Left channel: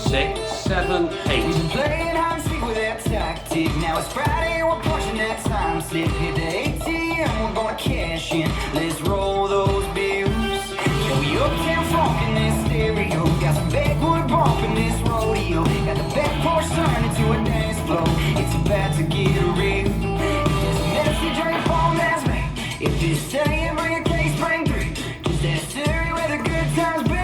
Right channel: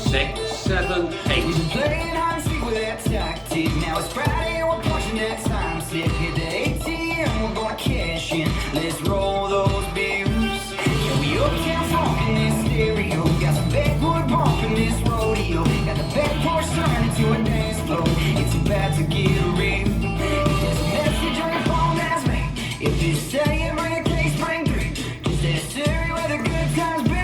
6, 7, 8. We've been playing hide and seek with that tactic. Now it's Friday, we're punching that time slip. Hit the ATM, we're gonna cash in. Let's roll those bills. Yeah, we uptown funk in this stereo. Got some Backwood Bump in this rodeo. Got the back porch turned into a dance floor. It's about to get real. There's a message on your phone that's ring. If you're staying, bring a case, bring three. Just that city where the good times be.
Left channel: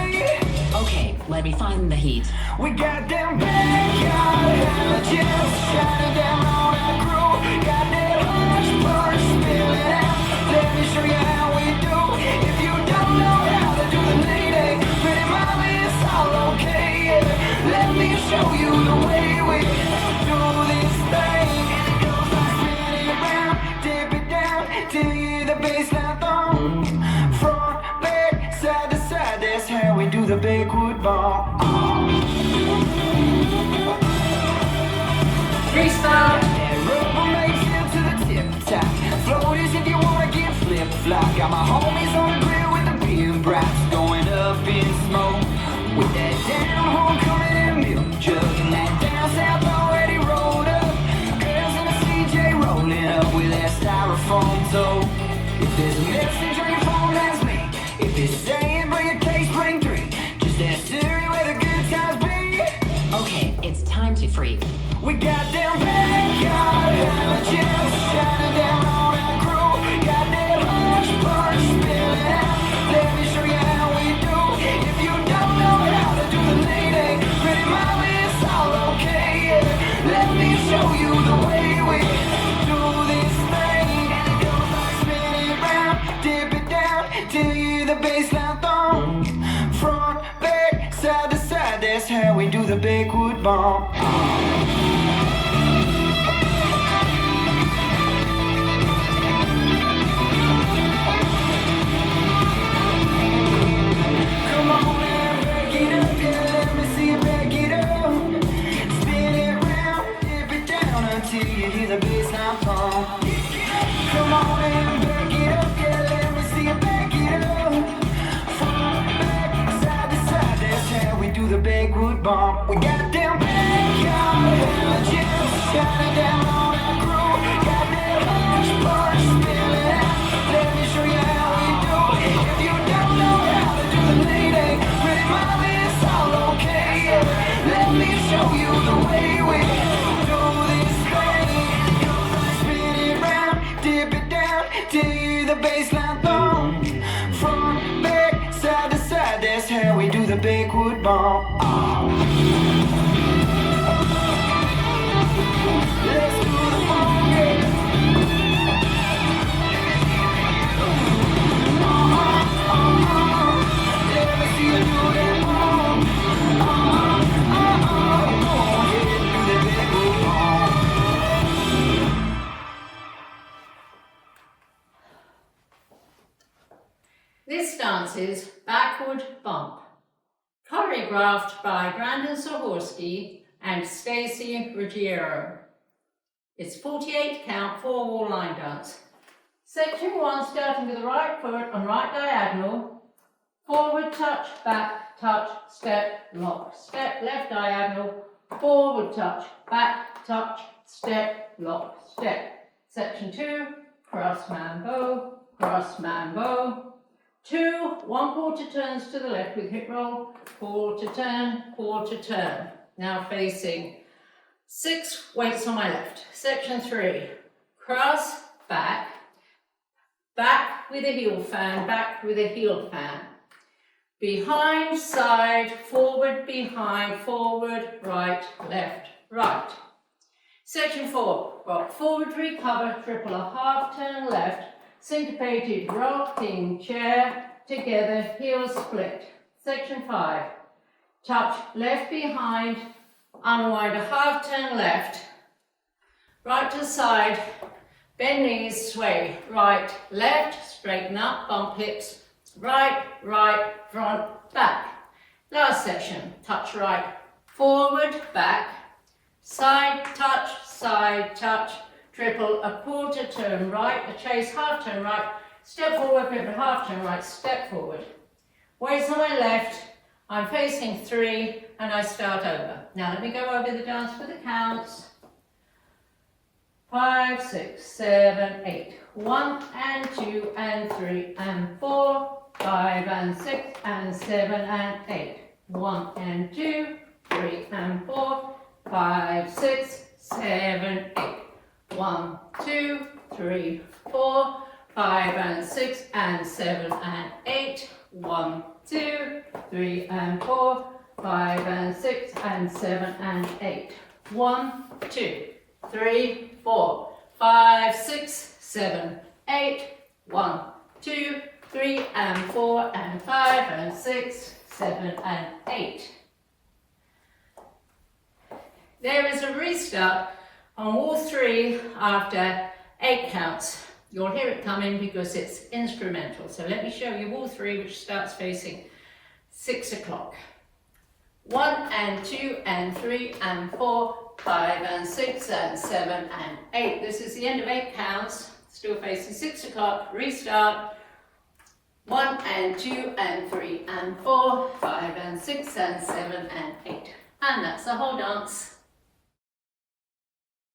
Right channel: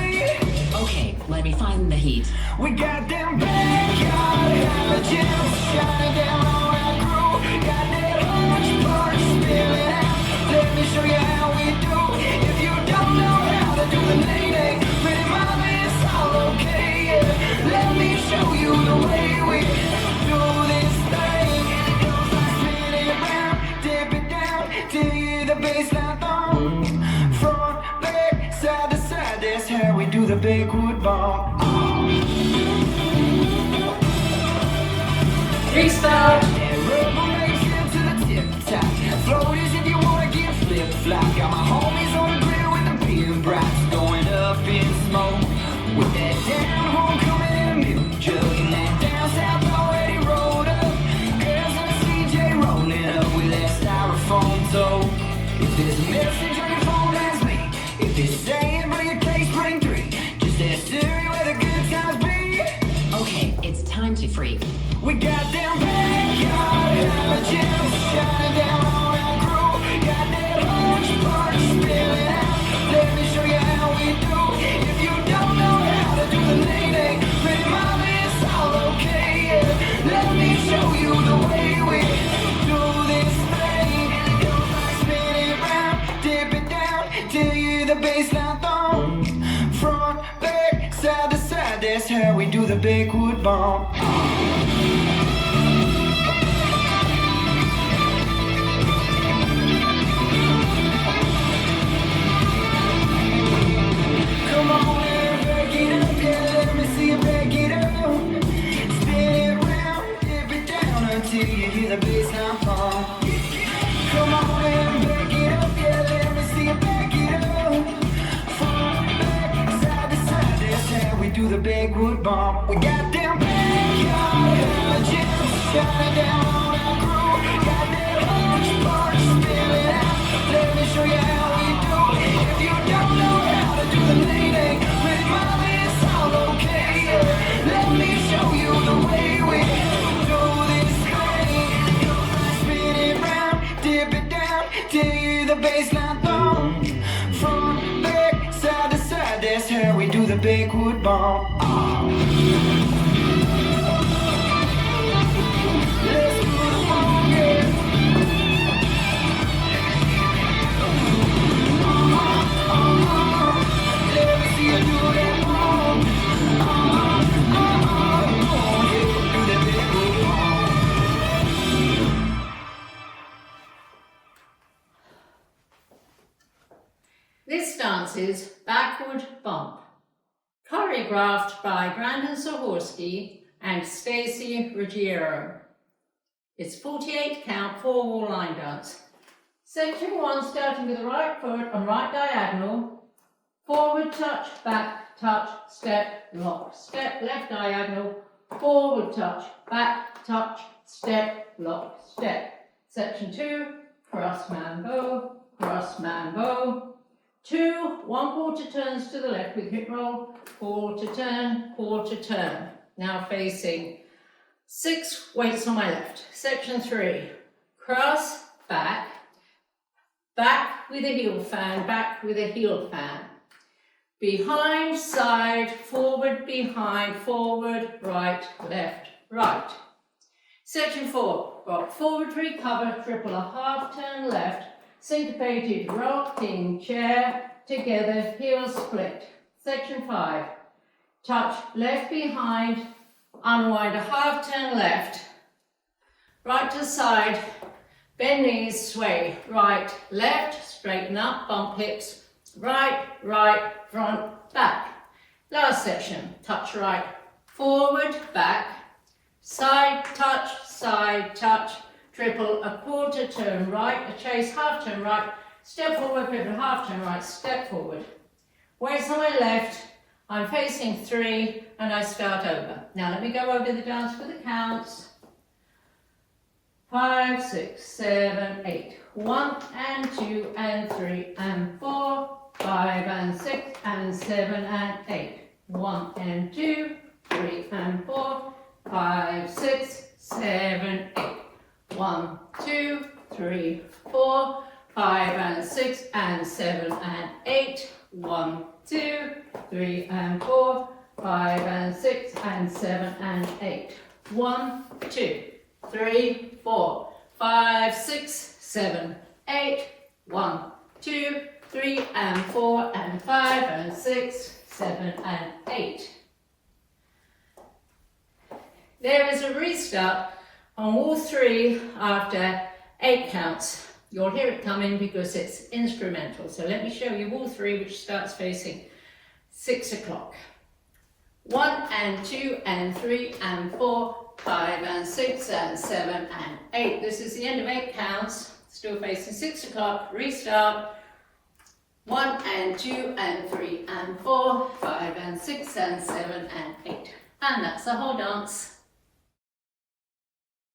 Okay, let me find the heat. We got them backyard just shining down on our crew. Got that orange punch spilling out. Let me show you how we do. If you don't know how to do the lady, then it might be it's all okay. Yeah. Let me show you the way we do this thing. Spin it around, dip it down, till you hear the bassline thump. Front, back, side to side, that's how we do the Backwood Bump. Restart. Rubber makes it to the tip top. Floaters if you wanna get flip flop. Got my homies on the grill with the beer brats going up in smoke. With that down home coming in milk jug and that down south already rolled up. Girls in the CJ rolling up with that styrofoam toe. If there's a message on your phone, that's me. If it's saying bring a case, bring three. Just that city where the good times be. Okay, it's time to freeze. We got them backyard just shining down on our crew. Got that orange punch spilling out. Let me show you how we do. If you don't know how to do the lady, then it might be it's all okay. Yeah. Let me show you the way we do this thing. Spin it round, dip it down, till you hear the bassline thump. Front, back, side to side, that's how we do the Backwood Bump. Come on and back it up, yeah, let me see you back it up. Spin it round, dip it down until you hear the bassline thump. Come on and back it up, yeah, let me see you back it up. Front, back, side to side, that's how we do the Backwood Bump. We got them backyard just shining down on our crew. Got that orange punch spilling out. Let me show you how we do. If you don't know how to do the lady, then it might be it's all okay. Yeah. Let me show you the way we do this thing. Spin it round, dip it down, till you hear the bassline thump. Front, back, side to side, that's how we do the Backwood Bump. Let's do the funky. Let me see you do that bump. Do the Backwood Bump. This dance is Backwood Bump, choreographed by Brandon Sahorsky and Stephie Ruggiero. It's 48 count, 4-wall line dance. Section 1, starting with the right foot on right diagonal, forward touch, back touch, step, lock, step, left diagonal, forward touch, back touch, step, lock, step. Section 2, cross mambo, cross mambo. 2 1/4 turns to the left with hip roll, quarter turn. Now facing 6 weights on my left. Section 3, cross, back, back with a heel fan, back with a heel fan. Behind, side, forward, behind, forward, right, left, right. Section 4, rock forward, recover, triple a half turn left, syncopated rocking chair, together, heel split. Section 5, touch left behind, unwind a half turn left, right to side, bend knees, sway, right, left, straighten up, bump hips, right, right, front, back. Last section, touch right, forward, back, side touch, triple a quarter turn right, a chase half turn right, step forward, pivot half turn right, step forward. Weights on my left, I'm facing 3, and I start over. Now let me go over the dance for the counts. 5, 6, 7, 8. 1 and 2 and 3 and 4. 5 and 6 and 7 and 8. 1 and 2, 3 and 4. 5, 6, 7, 8. 1, 2, 3, 4. 5 and 6 and 7 and 8. 1, 2, 3 and 4. 5 and 6 and 7 and 8. 1, 2, 3, 4. 5, 6, 7, 8. 1, 2, 3 and 4 and 5 and 6, 7 and 8. There is a restart on all three after 8 counts. You'll hear it coming because it's instrumental. So let me show you all three, which starts facing 6 o'clock. 1 and 2 and 3 and 4, 5 and 6 and 7 and 8. This is the end of 8 counts. Still facing 6 o'clock. Restart. 1 and 2 and 3 and 4, 5 and 6 and 7 and 8. And that's the whole dance.